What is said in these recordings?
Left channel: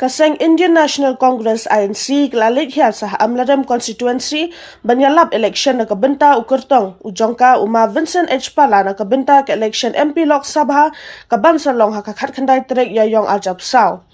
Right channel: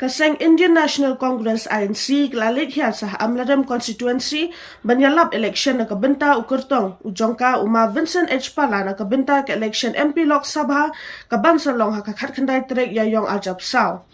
Kaseng Indian National Congress INC kelalik hiat sah Amladam constituency banyalap election na kabenta ukertong ujongka uma Vincent H. Pala na kabenta ke election MP Lok Sabha kabansa long hakakat kandai trek yayong ajab sao.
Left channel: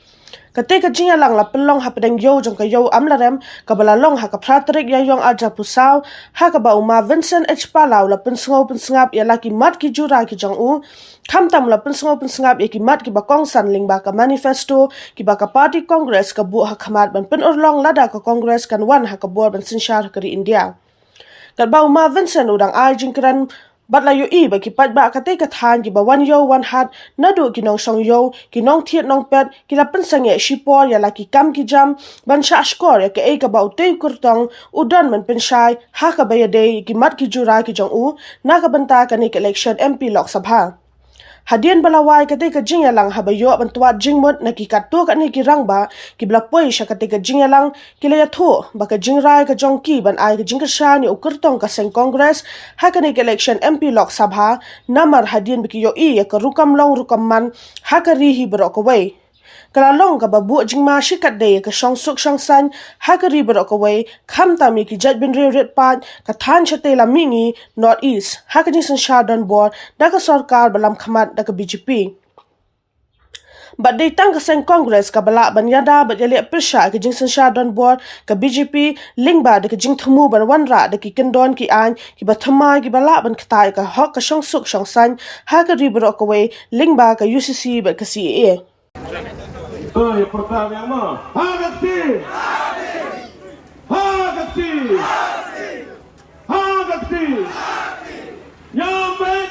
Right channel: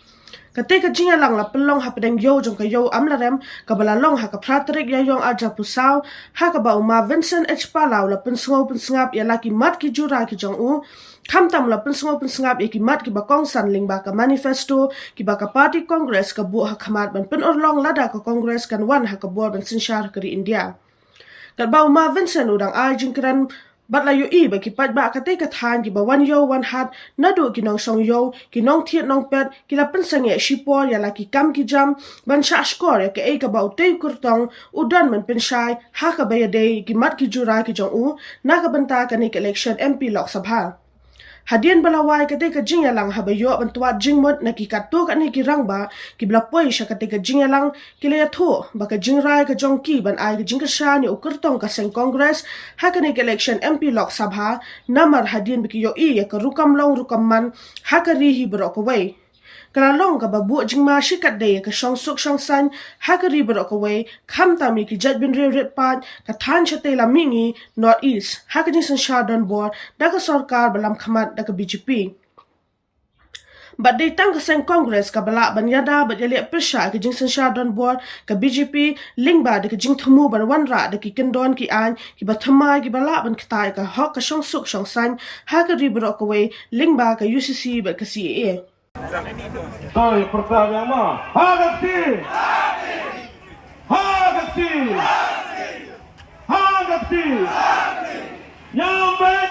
Ketika jinga lang la pelong ha pedeng yo jong ka yo amlarem kabala long ha ka pratrik ya yong aja pusau ha ka ba uma Vincent H Palau la pensngap ya laki mat ki jura ki jong u kam tam la pensngap ya ki mat ki ba kong san ling ba ka manifesto ki ba ka party congress ka bu ha khamat ban pen orlong lada ka congress kan wan ha ka bor ban sinshar kari India. Kat ba uma Vincent udang ai jingkran bat la yo i ba ki pat ba ka te ka than ki ba wan yo wan hat na do ki nong song yo ki nong thiet nong pet ki la pen sang ya shipor ya la ki kam ki jam ban sha skor ya ke e ka ba u te kurtong udan man pen shai ha ka ba ya de ki mat ki jura ki jong u na ka banta ka ni election MP Lok Sabha. Hadian balawai ketika jingya lang habayo bantuat jingmut na kikatu kat ni kirang ba kiblapoi sya ketika jingya lang kilaya thu baka jingrai ka jongki ban ai ka jingkasha ni ukertong ka seng kongres ha ka ni election MP Lok Sabha namar hadian bikiyo i ya ka rukam long rukam man ha ka rihi berok away. Kalalong ka babu jingma shikat de ka shong suk shong san ha ka ri berok away kham ta mi ki jat bin re red pat ka than chate la mingi north east ha ka jing shadan board da ka sarkar balam khamat da ka BJP. But they tang ka seng congress ka bala banyada but yali presha ka jing shadan board ka BJP lingba da ka jing thumu ban wan ra da ki kendon ki an ki ba thamai ki bala ban khatai ka hok ka shong suk shong san ha ka ri berok away lingba ka UCC ba ka CAA. Yang pertama, hagati, hagati, hagati, nyambet,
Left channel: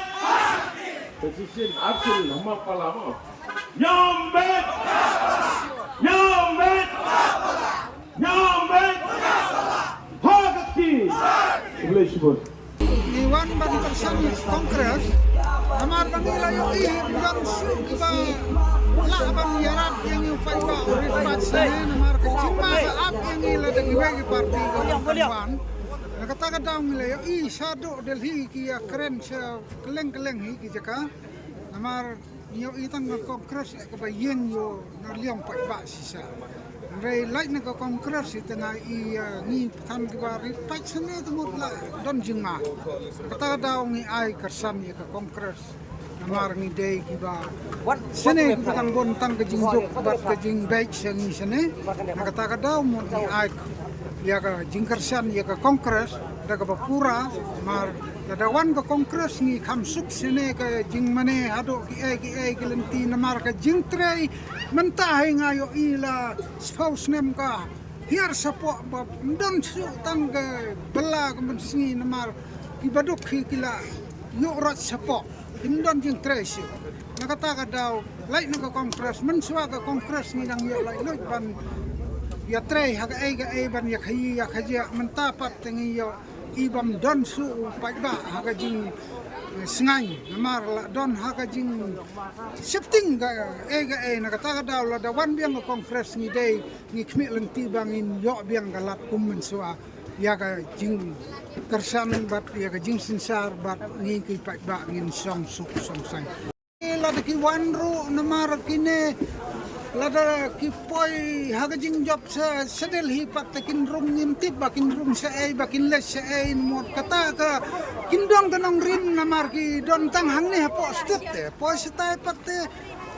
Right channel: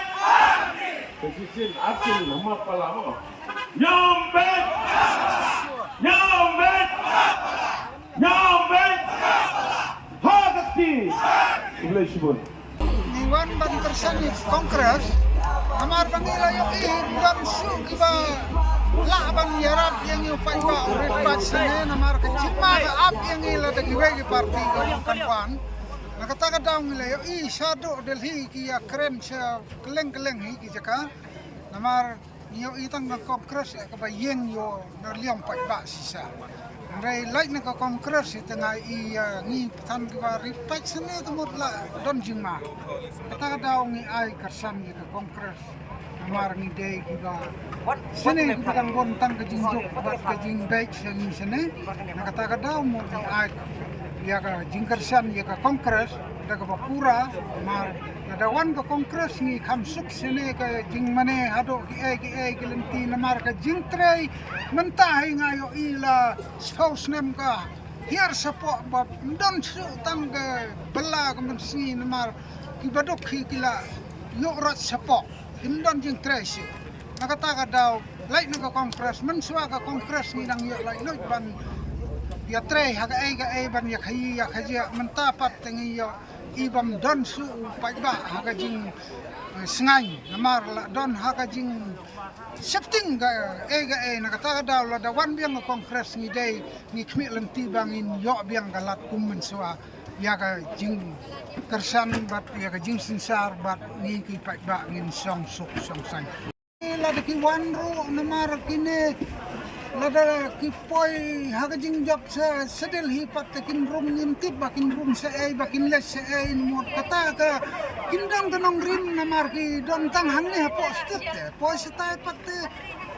position action nama palama, nyambet, nyambet, nyambet, hagati, boleh sebut. Iwan ban persani kongres, amar bangila yo dan su kiba la ban yarab yang yu pai ba urit pat sene namar ka jingma ka ap yang ila de giwe ki parti ka kanwan nakata ka daw ngila yo sado delhi ki ya kren sa keleng hi ki jaka namar yo itang ka kongres ka ba yeng yo na liam pai ba sisa Rai like na ka kongres itanga ngi than ki ba rit pat sene tumut la don jingma kata ka daw ngi ai karsan ka kongres namar ngi day kiba sene kitang bontang ka jingdok bat ka jing baik seni sene nakata ka daw mo ni ai ya ka jingkarsan ya ka kongres daga bapura mar nadawan ka kongres ni kamsuk sene ka jing mane hado ki ai kilenti namar ka jing tray mentahi ngayo ila spouse nem ka hiar sapo ba don su tang ka bela ka mensingi namar ki badok kila yo rat sapo Himdan jing tresi, nakata ka daw, like naka kongres, menswa ka kongres ni nang yo like loy ban ya trei haga ai ban ya khaji mentapat tengi yo ibam don su paiba haga jing sngai namar la don haga jing shifting ga ai nakata ka daw la da wan biang ka kongres ni day ni khmi lenti bangin yo biang galat kum menswa ya ka jing kersan bat ya ka jing sinsar bat ni ki pat ba ngin song suk song sang la de ki wanru namar kine la da ki poi ha ka jing job sa sedel hi pat kin rum nim tip bakin rum sa ai bakin le sa ai mo kata ka kin dong kanong rim namar ki don tang hang ni po stet po sta pat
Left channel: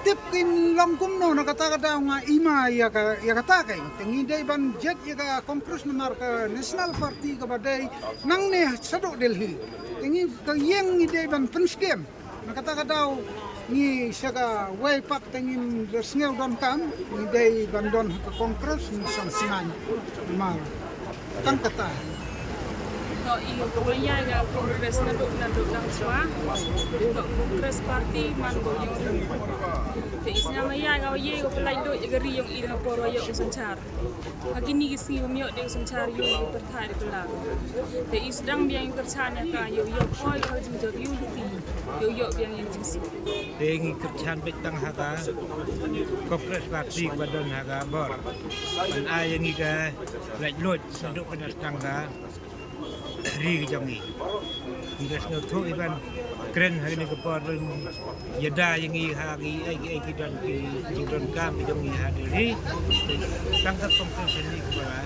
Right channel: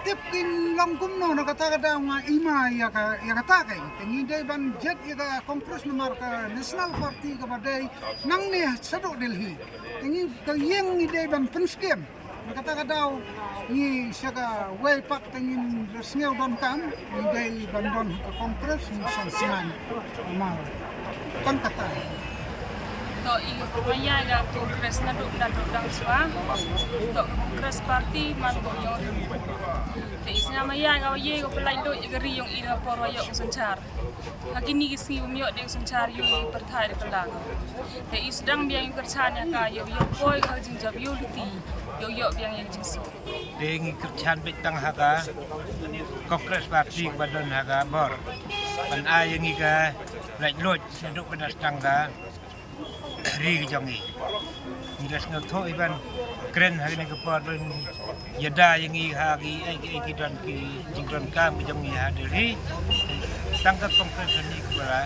tip kin long kum no nakata ka daw nga ima ya kata kay tingi day ban jet ya ka kongres namar ka national party ka baday nang ne sado delhi tingi ka yeng ni day ban penskem nakata ka daw ni saga way pat tingin resngeu don kam ni day ban don ka kongres ni sang singan namar tang kata to iyo pamaya ga kongres na do dang swa to kongres party man go yong te isnya maya ga ye go pelai do gari yong ira poro yo sanchar hagini gisni bumyo de sanchar yo perthai de kalaga te isdang biang kerchan ya ka yo poi ga jing jab yo liti yo biang yang jing su de ngi kerchan be tang haga kongres party badon haga bor ban ai ngi ga lai lot sedok pedas tangga ri jongi ngi gas ngau tho iban keren hari ni kepot pun yada yang i hari ai dan ki jingron kam jong i hadiri tangkap kongres ni kepada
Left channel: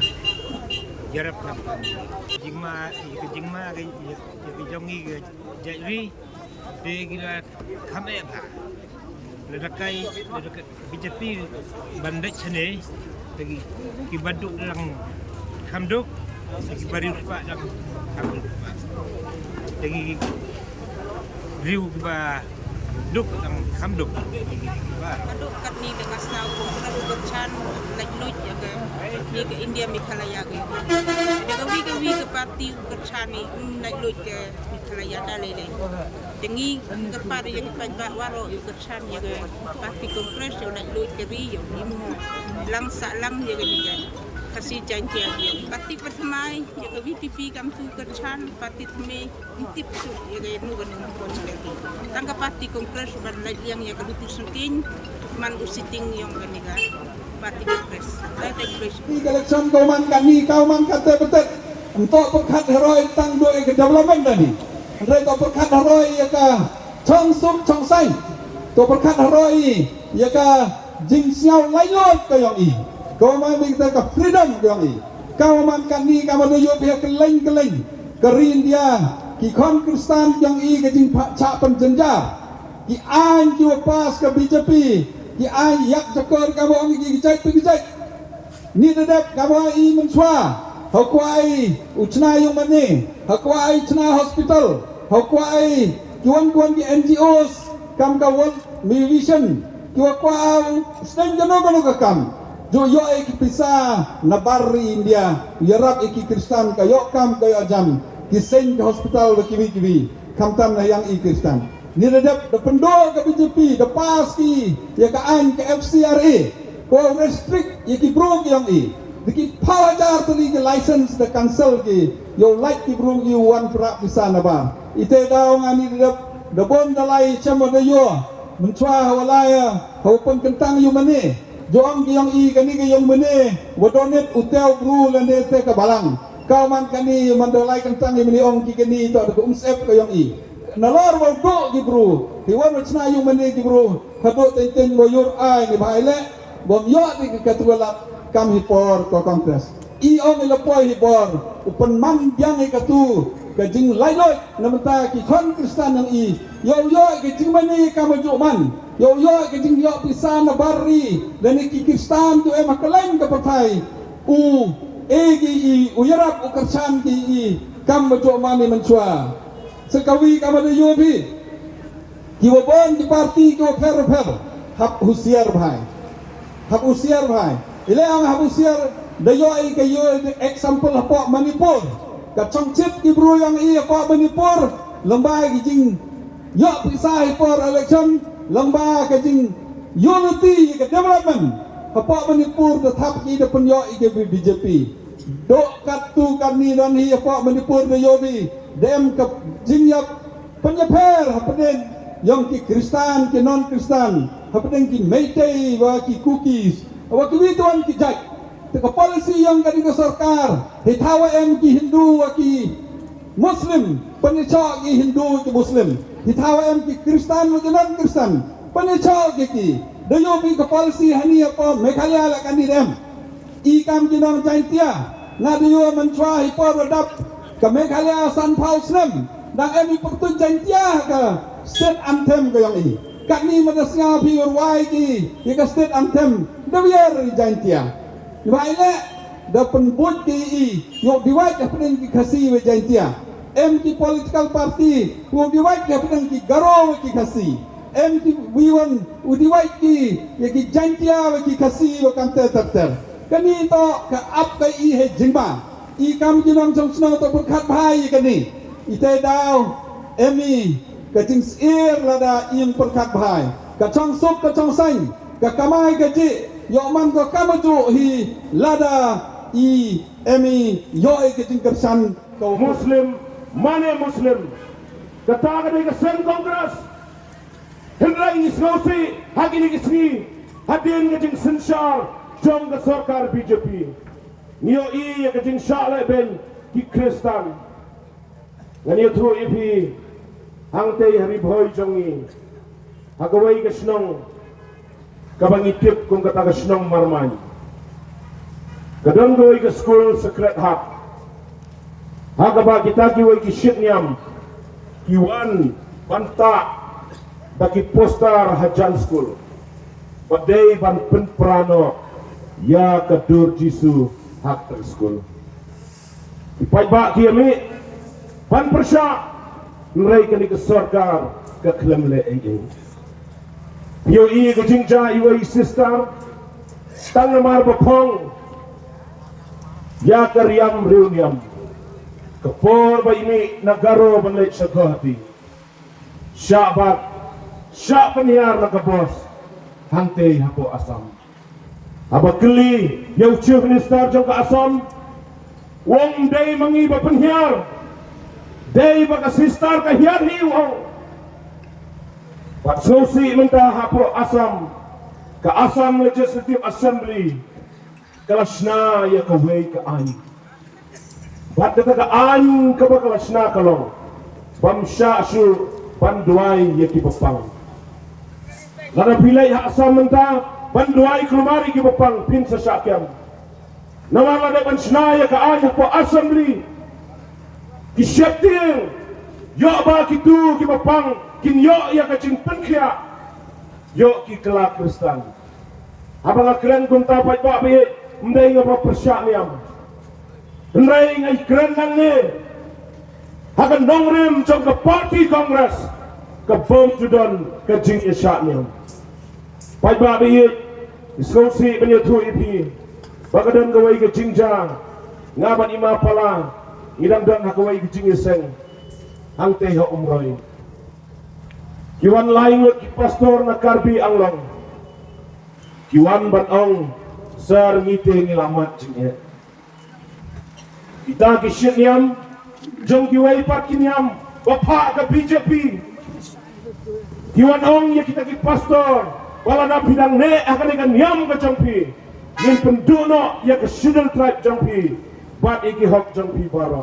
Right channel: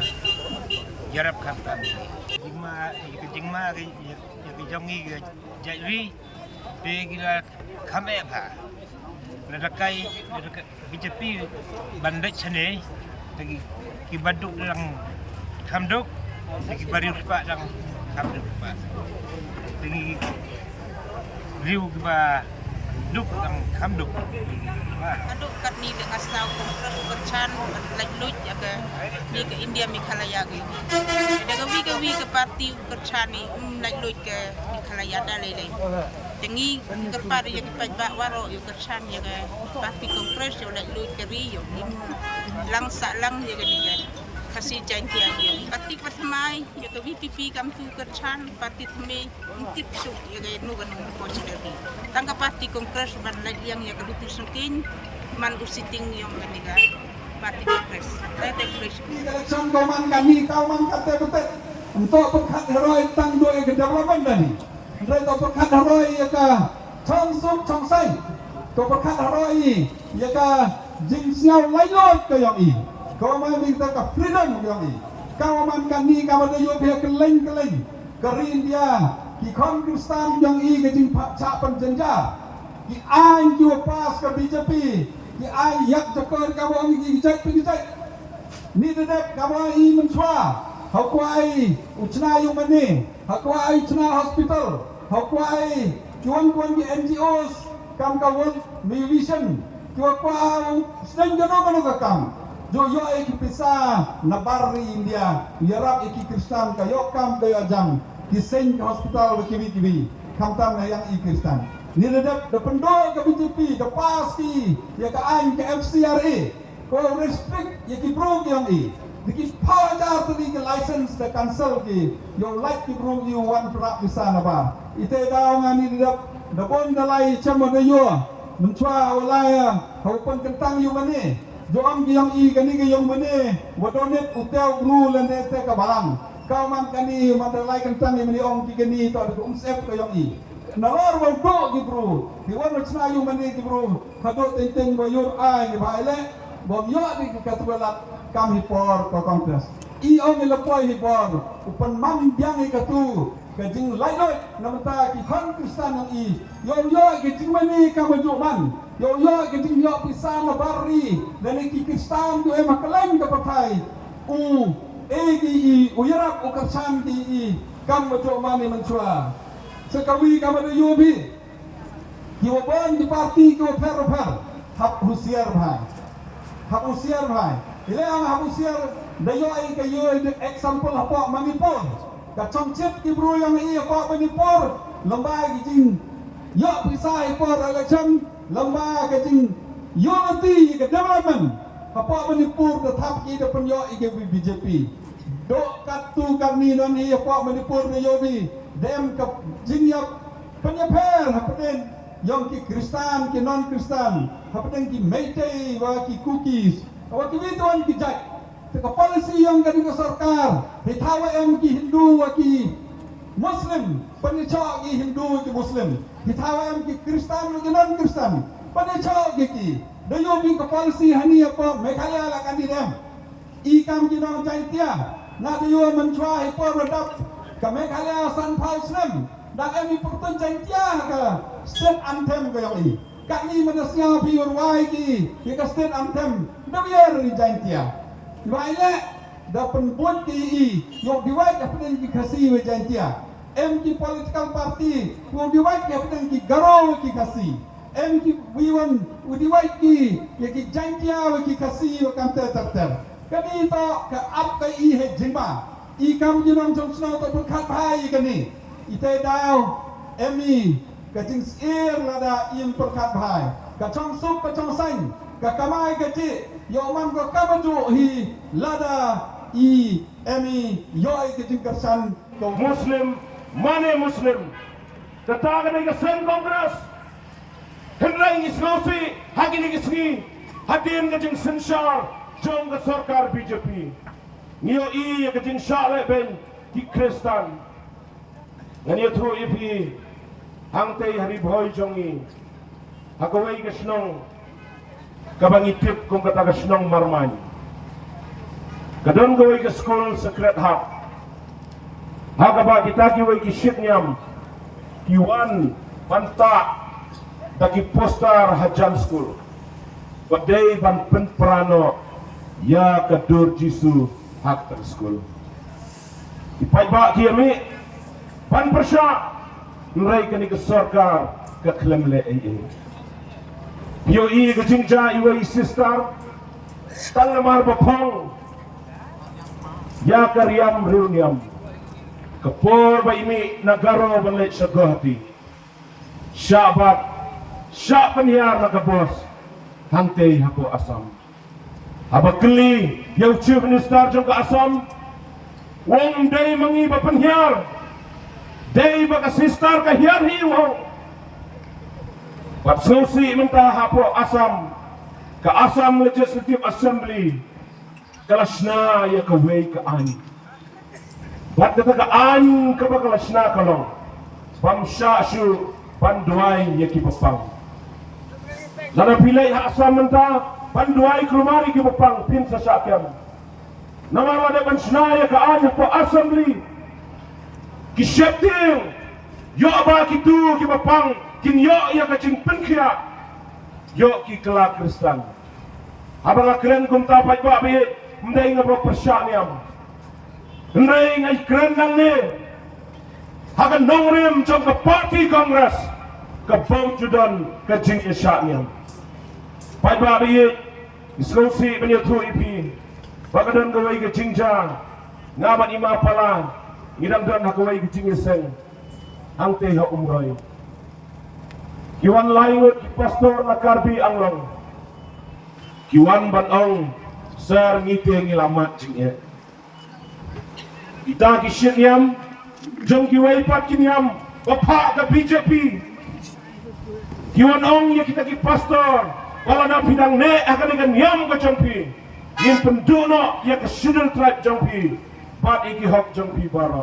jarap kam jingma ke jong i jadi pe kira kame pha ledakai BJP bandai chane lagi ki baduk dalam kamduk lagi barius pak dalam kamduk pak lagi riu ba duk dalam kamduk Kaduk kat ni dengan senau kongres bercan like luj ya ke ni ke India Meghalaya ke ada ke wi ke parti bercan ni like luj ke Meghalaya dah lele tengi ke parti yang kita waro yo bercan ya ke parti kongres yo like luj ke ri yo lang sa lang ya ke ni kasih janji yo parti pertama ya ke VPP kam tu bercan parti teme intip su ya ke nu ganung possibility tangka parti kongres ban like yang ya ke lutusan kin man usiting yung ganiga parti kongres saya teknis election kau man kata betul untuk pekat heroi tang dua ke development tadi untuk pekat heroi ya ka chong sum chong sai to pekat heroi ya ka jing xiao lai lot ka yang i kau man kita ka freedom yang i kau man kan ni ka man yo pihak keleng ke India ki kon kristan yang i ke jing cha penjenja ki an ki pas ke BJP ki ai yak jokor ka wa ngi gijai ni dedap ka wa i menchwa hakwai uchna yung mani hakwai chna hospital hakwai kiwan ki NGOs kam ka won mi vision ki wa kwa stem jano ka kam jo yo ai ki pisa na barri India yarap iki kristan ka yo kam ka jam ki sen hospital kiwi kam tam na yang i kristan ni redap de pendok ke BJP de paski ya ka an ke FCRA ko restrict ya ki bro yang i diki palajar tadi ke license de cancel ki yo like ki bro you one pra di sana ba ite daw ngani redap de bom dalai chamo de yo menchwa walaya ho pon kentang yu mane jo am ki yang i kani ke yang mane wodonet utel bru lende te ka balang kau man kani mandalai kentang yu mane ong ki kani to de ungsep ke yang i nalor wal do gi bro hiwan macna yu mane gi bro hado tenten bo yur ai ni baile bom yo di katwala kam hipor ko kongres i on ni lapoi hipor upan man yang i katu ka jing lai loi namata ki kon kristan yang i yo ki jing mane kam jo man yo ki jing yo pisama barri dan ki kristan tu e makalan ka patai u egi i uyarap ukarsan ki i kam jo man ni menchua sekawi kamar yobi kiwabon di parti ko fer hap husiar bhai ile ang hap husiar dayo ai ke yo example apa Manipur ka chongchit ki bro yang i apa Manipur lomba ki jing yo pisai for election lomba ka jing unity ke development apa Manipur de thap ki de penyo i ke BJP do katu kami non hi apa Manipur de yobi dem ke jingyap penyeper hapen yang ki kristan ki non kristan hapen ki meitei wa ki cookies wa ki wituan ki jai te policy yang kadi ke sarkar hitawa em ki hindu wa ki muslim penyecha ki hindu ki muslim hitawa em ki kristan wa ki non kristan penyecha ki dayo bi ke policy hani apa Meghalaya la kani dem i kam ki non jaintia na dayo menchwa hipor radap ke Meghalaya San Pausnem dan emi pertun jantia ke state anthem ke yang ini kat ni madasnya pi urwai ki ke state anthem dawier jantia baile da penbut ki i yo diwait apnen ki khasi we jantia em ki political party yo diwait ki apnen ki garo ki khasi em ki wiwan udiwait ki ki jantia we ki khasi we kan ter kani to ke ap ke i he jingba i kam jinam jong snow to berkat bhai kani ite daw emi ka jing ir lada im berkat bhai ka chong sup ka chong sang ka kamai ka ji yo man ko kamaju hi lada i emi yo ai ka jing kersan ko Muslim mane Muslim kata ka ke sen kongres henrai ni snosi hagini kisni hadin ka jing sensar jong ka sarkar BJP niyo i ya kajing shala ben ki kristan ngani thru ipi hang tei hari bhoi jongi hagawai ke snong kabangitip kung kata ke snong marman kadon gawai ke school secret heart hagaba kita kiwai ki shit nyam kiwan banta bagi poster hajan school wadai ban penprano ya kadur jisu hak ter school ipai ba kiami ban persya mereka ni ke sarkar ke klem le ai pio i ke jingja iwai sister tang mar bopong ya karyam reuniam kapor ba imi nagaro banlet sa gati syabat syak penyiar nagabos hante hapo asam haba keli yang chief minister jong ka asam wong day mangi ba penyiar day ba ka sister ka hiar hi wong pat sosi menta hapo asam ka asam legislative assembly kalasna ya ka way ka ani bat kata ka an ka ba kalasna kalong bamsha shu panduai ya ki bapang lana pilai ha asam menta panduai kelumari ki bapang pin sa syakyam namala da bansna ya ka an po assembly ki shepting yo ba ki tu ki bapang kin yo ya ka jing penkhia yo ki kala kristan abang keren kum ta pai ba bi mdai nga ba persyak niam ndai ngai keren nang ne hagan nongrem jong ke party congress ke bom judan ke jing isyak niam pai ba bi iskosi penyatu ipi bagadan gawai ke jingja ngaban ima pala ngidam dan hakawai ke jing iseng hang te ha umroi kiwan lain ki pastor na karbi anglong kiwan ban ong sar ngite ngilamat jingye kita kisyen yam jong kiwai pat kinyam bapa ka BJP kiwan ong ya kita ki pastor wala na bidang ne akan ikan yam ka jongpi ngin penduno ya ke Sidel tribe jongpi pat iki hok jongpi bara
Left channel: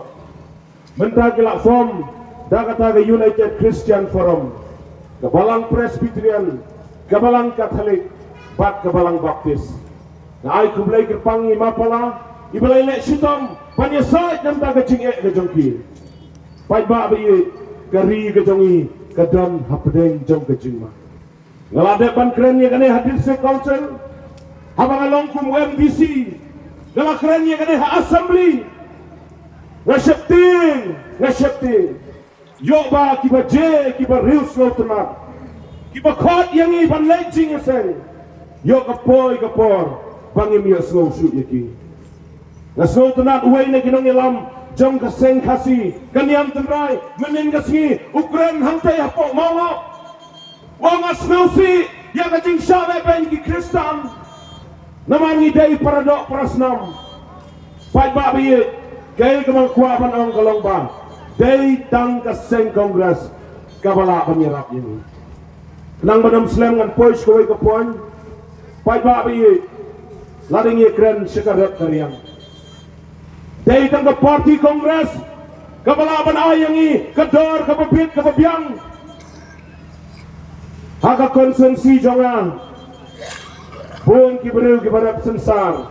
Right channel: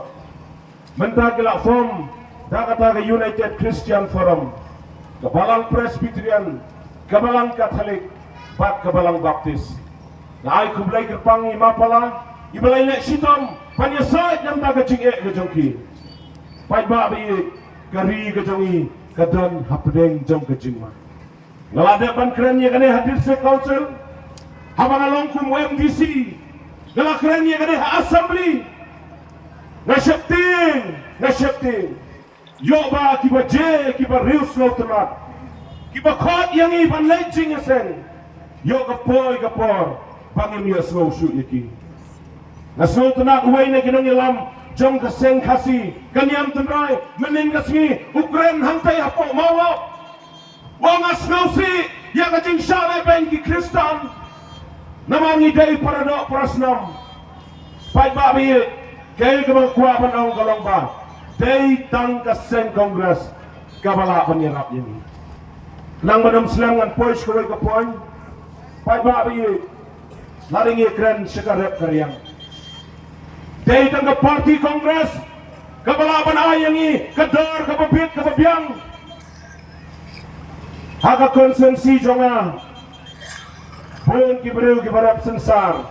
menta kila form da kata ke United Christian Forum Kebalang Presbyterian, Kebalang Katolik, bat Kebalang Baptis. Na ay kublay kerpangi mapala, ibalay na sitam, panyasat yang taga jing'e ke jongki. Pai ba bayi, kari ke jongi, kadan hapedeng jong ke jingma. Ngaladepan kerennya kane hadir se council, habang alongkum MDC, ngala kerennya kane ha assembly, ngasepting. Yo ba kiba je kiba reus lo temat kiba khot yang i ban lejing sen yo kapor bangim ya slow shoot yaki na slow tenak uai na kinong ilam jong kaseng kasi kaniam tenrai menin kasngi Ukraine hangtai hapo mawa wang asnausi ya kajing syale ben ki Kristan namangi dai paradok prasnam pai ba bi kaya kemang kuapan ong kolong ba day tang kaseng kongres kabala penyerap ini nang badam selangan pois kawai kapuan pai ba bi laring ikran sekarap karyang day tang ka party kongres kabala panayangi kador kababit kababyang haka konsensi jonga pun kiberu kibarap sensar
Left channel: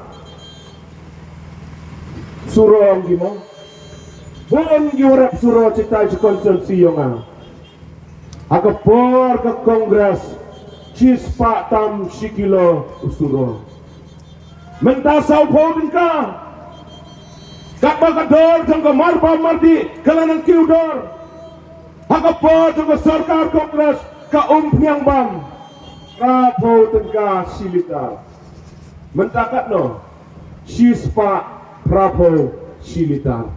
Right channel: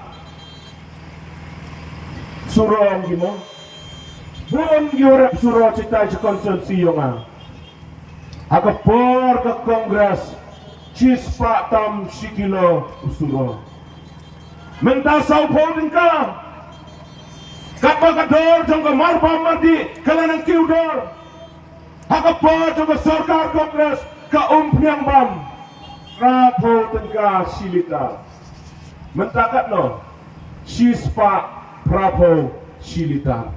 surong gimo buon giurap suro cita konsensi yonga aga por ke kongres cispa tam sikilo usuro menta sau podin ka kapag kador jong ka marpa mardi kalanang kiudor aga por jong ka sarkar kongres ka umpiang bam kapodin ka silita mentakat no cispa prapo silita